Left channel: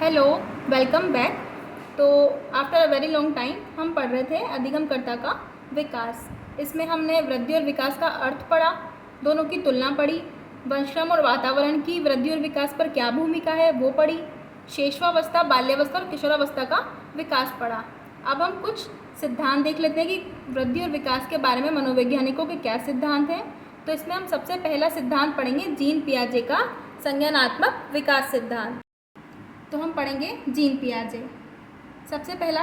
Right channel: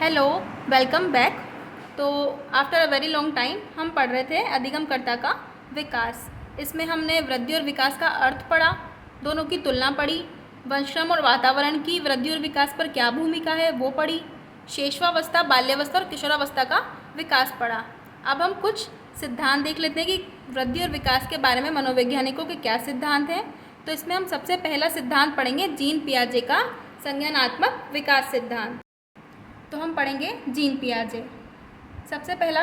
Hello, welcome back. तो after a very long time हम पढ़ रहे थे अधिगमकर्ता का विकास। इसमें हमने वृद्धि और विकास का अर्थ पढ़ा, दोनों की तुलना पढ़ी, वंशक्रम और वातावरण की वृद्धि और विकास पर क्या भूमिका है वो पढ़ी, शेषवावस्था, बाल्यावस्था और किशोरावस्था का विकास पढ़ा। अब हम कुछ सिद्धांत देख लेते हैं कि वृद्धि और विकास के बारे में मनोवैज्ञानिकों के क्या सिद्धांत हैं। तो इसमें हम सबसे पहला सिद्धांत पढ़ेंगे जीन पियाजे का संज्ञानात्मक विकास सिद्धांत। तो हम पढ़ेंगे जीन पियाजे। सबसे पहला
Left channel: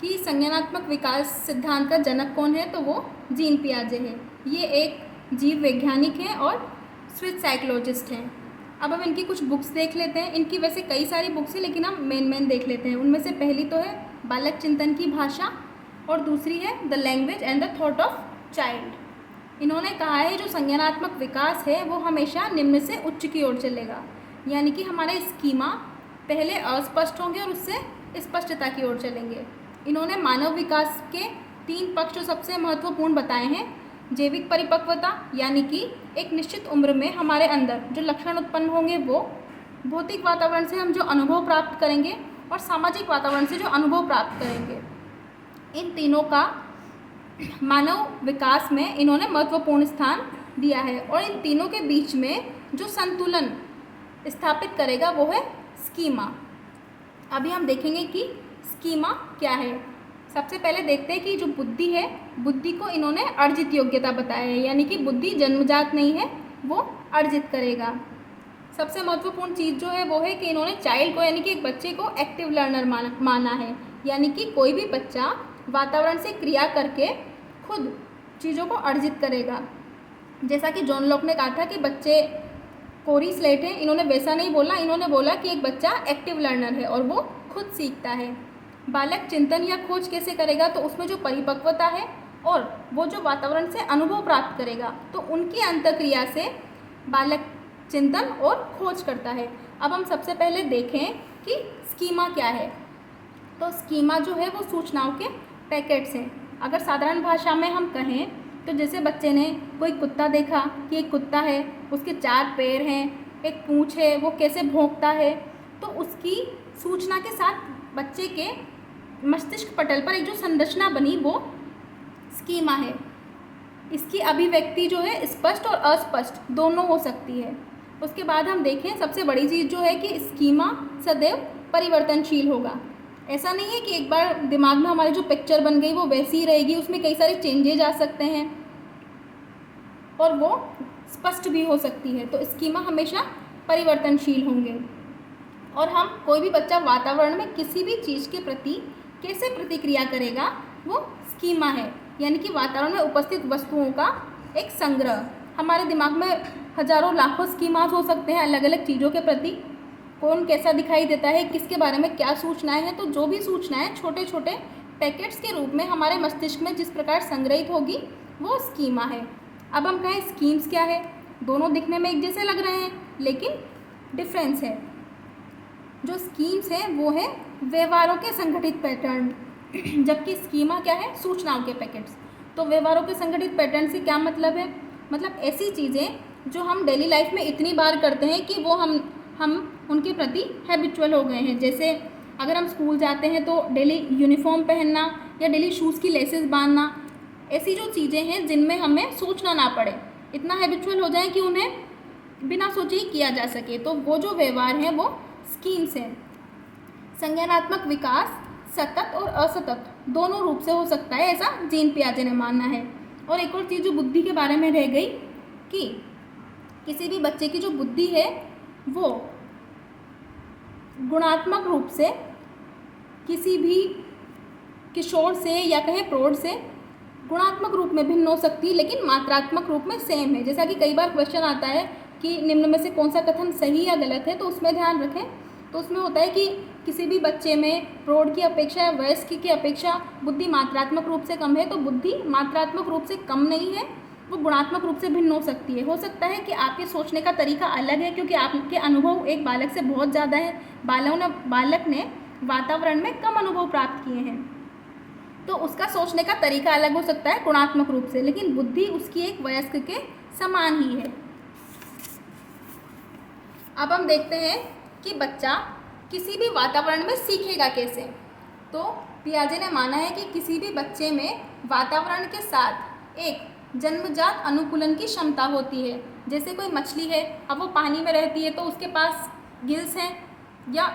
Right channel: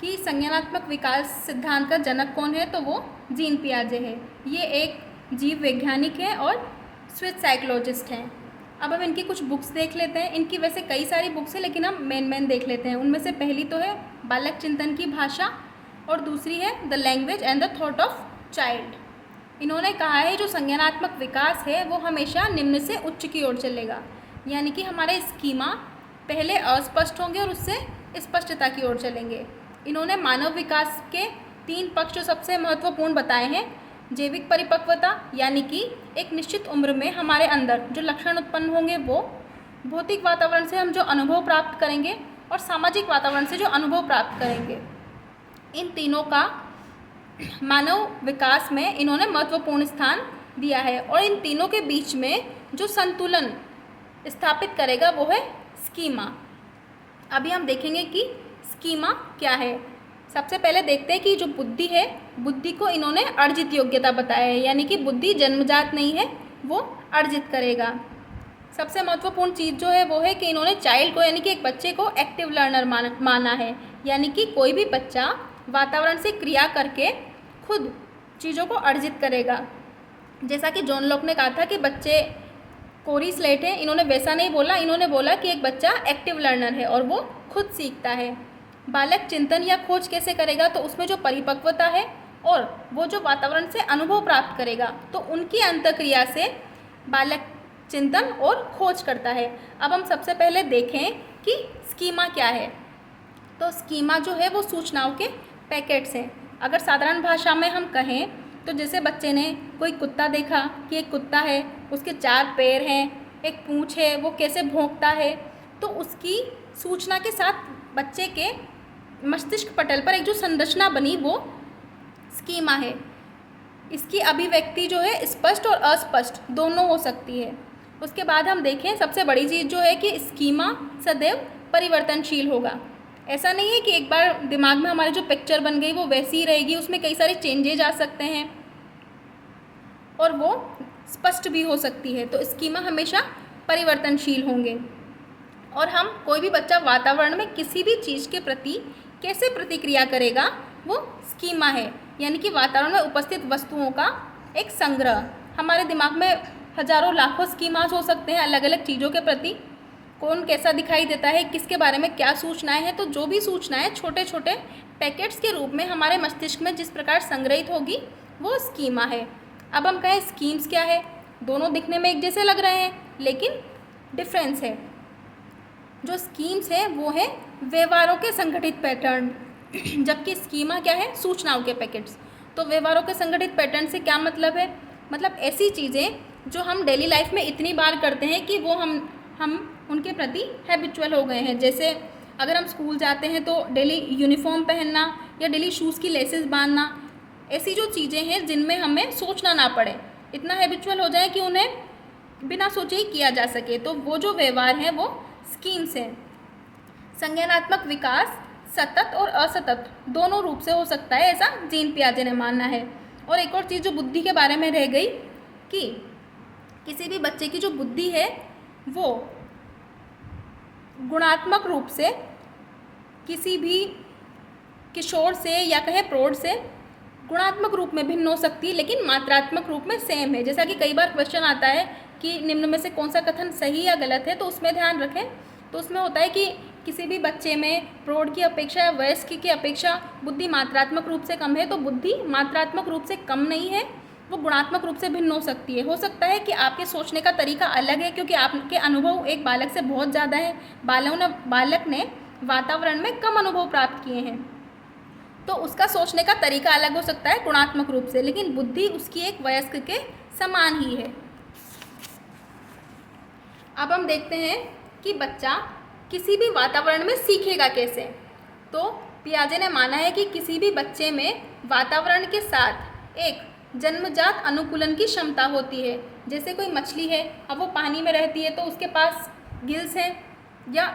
कि संज्ञानात्मक विकास सिद्धांत का जनक कौन है, तो वो जीन पियाजे है। ये एक जीव वैज्ञानिक है और स्विस साइकोलॉजिस्ट हैं। अब हम इनकी कुछ बुक्स देख लेते हैं। इनकी वैसे कई सारी बुक्स हैं, लेकिन हम मेन देख लेते हैं। उनमें से पहली तो है बालक चिंतन की भाषा और दूसरी है the language and the thought of child. इन्होंने कहा है जो संज्ञानात्मक विकास है वो हमेशा निम्न से उच्च की ओर चलेगा, यानी कि हमारे स्कीमा पहले अस्पष्ट होंगे और उससे स्पष्टता की ओर चलेंगे। इन्होंने मानव विकास के 3 पक्ष जो सबसे महत्वपूर्ण बताए हैं। जैविक परिपक्वता, यानी कि एक निश्चित उम्र में हमारे अंदर जो लक्षण उत्पन्न होंगे वो, भौतिक वातावरण से हम जो अनुभव प्राप्त करेंगे और सामाजिक वातावरण से जो अनुभव प्राप्त करेंगे, इन तीनों का मानव विकास में इन्होंने महत्वपूर्ण स्थान दिया है। और इन तीनों के बीच में जो संतुलन स्थापित करेगा वो है स्कीमा। अभी हम देखेंगे कि स्कीमा क्या है। सबसे पहले देखते हैं कि जो बुद्धि है, बुद्धि को इन्होंने अर्जित योग्यता बताया है, यानी कि बुद्धि जन्मजात नहीं है, वो अर्जित करेगा। सबसे महत्वपूर्ण चीज़ जो है वो है कि इन्होंने चाइल्ड को, यानी कि एक बच्चे को एक्टिव लर्नर माना है, यानी कि कोई भी बच्चा वातावरण से क्रिया करके खुद चीज़ों को अर्जित करेगा। जैसा कि जॉन लॉक ने कहा था कि बच्चे कोरी स्लेट है, इन्होंने वैसा नहीं बोला। इन्होंने बोला कि एक बच्चा एक्टिव लर्नर है और वो खुद सीखता है। बालक चिंतन या खोज कैसे करेगा, तो उसमें जो परिपक्वता है और वो जो वातावरण से अनुभव प्राप्त करेगा, तो उनकी अंतःक्रिया से बालक चिंतन और खोज करता है। अब हम सबसे पहले देखें कि स्कीमा क्या है। तो स्कीमा जो है वो सूचनाओं के पैकेट्स हैं। अगर साधारण भाषा में हम कहें तो जैसे बच्चे ने कोई कुत्ता देखा कि एक कुत्ता है, उसके 4 पैर हैं, एक पूँछ है, वो कैसे भौंकता है, तो उसकी सूचना के साथ बच्चे के मस्तिष्क पटल पर एक जो संरचना बनी वो स्कीमा है। इसकी अभिव्यक्ति जो है स्पष्ट और अस्पष्ट दोनों हो सकती है। उसके बाद हम देखें सबसे बड़ी चीज़ जो है कि स्कीमा सदैव परिवर्तनशील होगा। ऐसा नहीं है कि एक बार दिमाग में हमारी जो पिक्चर बन गई वो वैसी ही रहेगी, उसमें कई सारे चेंजेज आ सकते हैं और वो स्पष्ट भी हो सकती है। तो स्कीमा हमेशा परिवर्तनशील होंगे। और हम कोई भी बच्चा वातावरण में किसी भी चीज़ के प्रति कैसे प्रतिक्रिया करेगा वो स्कीमा है, यानी कि वातावरण में उपस्थित वस्तुओं का एक संग्रह। हमारे दिमाग में हजारों लाखों स्कीमास हो सकते हैं अलग अलग चीज़ों के प्रति। कौन कैसा दिखाई देता है, किसके बारे में क्या सूचनाएं हैं, तो जो भी सूचनाएं छोटे छोटे पैकेट्स के रूप में हमारे मस्तिष्क में जिस प्रकार संग्रहित होगी वो स्कीमा है। अब हम कहें स्कीम्स क्या है, दोनों दिखने में एक जैसे लग रहे हैं लेकिन डिफरेंस है। जो स्कीम्स हैं वो है व्यवहारों के संगठित पैटर्न, जबकि स्कीमा क्या है, सूचनाओं के पैकेट्स। तो व्यवहारों के संगठित पैटर्न से क्या मतलब है, मतलब ऐसी चीज़ें जो हम डेली लाइफ में इतनी बार करते हैं कि वो हम उनके प्रति हैबिचुअल हो गए हैं। जैसे अगर हम स्कूल जाते हैं तो डेली यूनिफॉर्म पहनना या डेली शूज़ की लेसेस बांधना, ऐसी जो चीज़ें हैं जिनमें हमें सोचना ना पड़े, इतना हैबिचुअल हो जाए कि उन्हें बिना सोचे ही किया जा सके, तो वो जो व्यवहार हैं वो स्कीम्स हैं। संज्ञानात्मक विकास सतत और असतत दोनों रूप से हो सकता है, ऐसा जीन पियाजे ने मानना है। और एक और चीज़ जो बुद्धि के बारे में रह गई कि किसी भी बच्चे की जो बुद्धि है वो गुणात्मक रूप से किसी भी किशोर से या कहें प्रौढ़ से गुणात्मक रूप में भिन्न हो सकती है, लेकिन मात्रात्मक रूप में सेम है। जैसा कि कई बार क्वेश्चन आता है कि निम्न में से कौन सा कथन सही या गलत है, तो उसमें ध्यान रखें। तो उसमें होता है कि किसी भी बच्चे में प्रौढ़ की अपेक्षा या वयस्क की अपेक्षा बुद्धि मात्रात्मक रूप से कम है, तो बुद्धि मात्रात्मक रूप से कम नहीं है, वो गुणात्मक रूप से भिन्न हो सकती है। हो सकता है कि आपके सोचने का तरीका अलग है क्योंकि आपके अनुभव एक बालक से बहुत ज़्यादा है, बालक ने वातावरण में कम अनुभव प्राप्त किए हैं, तो उसका सोचने का तरीका अलग हो सकता है गुणात्मक रूप से, लेकिन बुद्धि उसकी एक वयस्क के समान ही है। अब हम देखते हैं कि बच्चा किसी भी वातावरण में सीखेगा कैसे? तो पियाजे ने माना है कि किसी भी बच्चे में वातावरण के साथ एक जन्मजात अनुकूलन की क्षमता होती है। जैसे कोई मछली है, अब वो पानी में रहती है तो उसके पास गिल्स हैं, या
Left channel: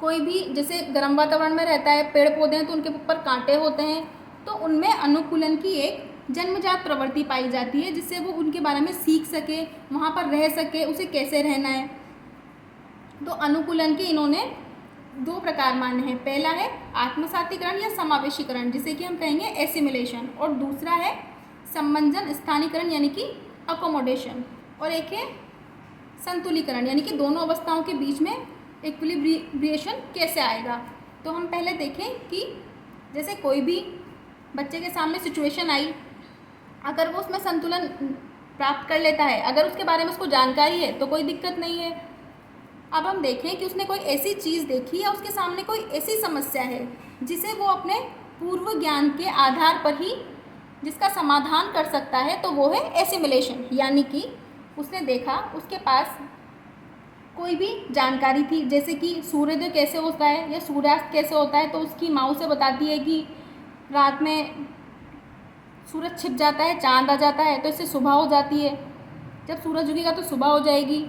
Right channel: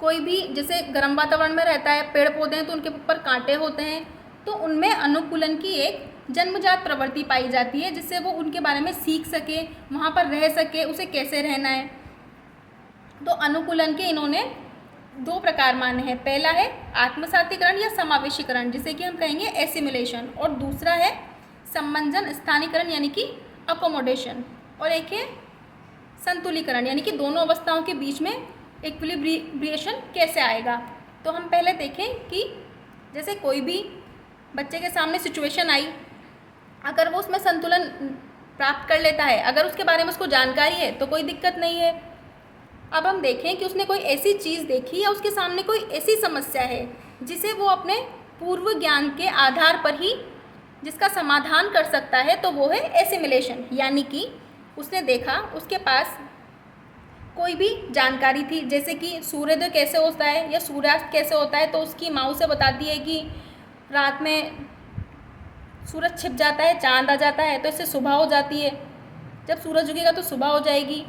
कोई भी जैसे गर्म वातावरण में रहता है, पेड़ पौधे हैं तो उनके ऊपर कांटे होते हैं, तो उनमें अनुकूलन की एक जन्मजात प्रवृत्ति पाई जाती है जिससे वो उनके बारे में सीख सके, वहाँ पर रह सके, उसे कैसे रहना है। तो अनुकूलन के इन्होंने 2 प्रकार माने हैं। पहला है आत्मसातीकरण या समावेशीकरण, जिसे कि हम कहेंगे एसिमुलेशन, और दूसरा है सम्मंजन स्थानीकरण यानी कि अकोमोडेशन, और एक है संतुलीकरण यानी कि दोनों अवस्थाओं के बीच में इक्विलिब्रिएशन कैसे आएगा। तो हम पहले देखें कि जैसे कोई भी बच्चे के सामने सिचुएशन आई, अगर वो उसमें संतुलन प्राप्त कर लेता है, अगर उसके बारे में उसको जानकारी है तो कोई दिक्कत नहीं है। अब हम देखें कि उसने कोई ऐसी चीज़ देखी या उसके सामने कोई ऐसी समस्या है जिसे वो अपने पूर्व ज्ञान के आधार पर ही जिसका समाधान कर सकता है, तो वो है एसिमुलेशन। यानी कि उसने देखा, उसके पास कोई भी जानकारी थी, जैसे कि सूर्योदय कैसे होता है या सूर्यास्त कैसे होता है, तो उसकी माँ उसे बताती है कि रात में सूरज छिप जाता है, चांद आ जाता है, तो इससे सुबह हो जाती है, जब सूरज उगेगा तो सुबह हो जाएगी।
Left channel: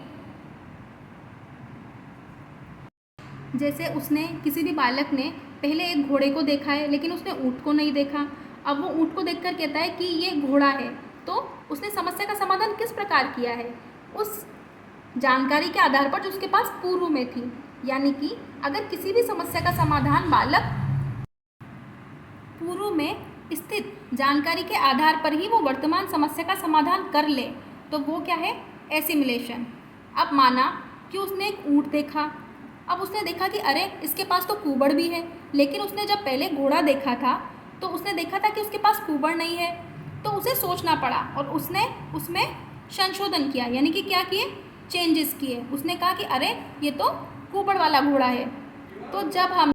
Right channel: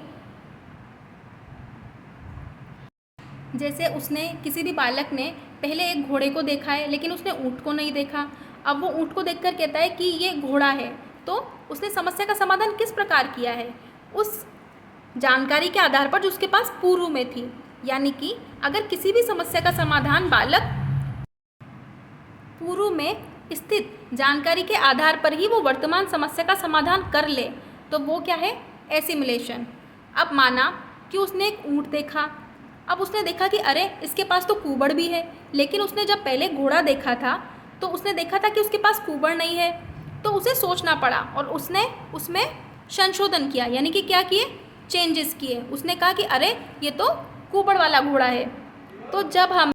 जैसे उसने किसी भी बालक ने पहले एक घोड़े को देखा है लेकिन उसने ऊँट को नहीं देखा, अब वो ऊँट को देखकर कहता है कि ये घोड़ा है, तो उसने समस्या का समाधान किस प्रकार किया है? उस जानकारी के आधार पर जो उसके पास पूर्व में थी। यानी कि अगर किसी भी समस्या का समाधान बालक पूर्व में स्थित जानकारी के आधार पर ही वो वर्तमान समस्या का समाधान कर ले, तो वो क्या है? एसिमुलेशन। अब माना कि उसने एक ऊँट देखा, अब उसने देखा कि अरे इसके पास तो कुबड़ भी है, लेकिन उसने जब पहले घोड़ा देखा था तो उसने देखा था कि उसके पास कुबड़ नहीं है, तो उसे सोचना पड़ा और उसने उसमें संशोधन किया। यानी कि क्या किए? चेंजेस किए। उसने कहा कि अरे ये तो कुबड़ वाला घोड़ा है। तो जब हम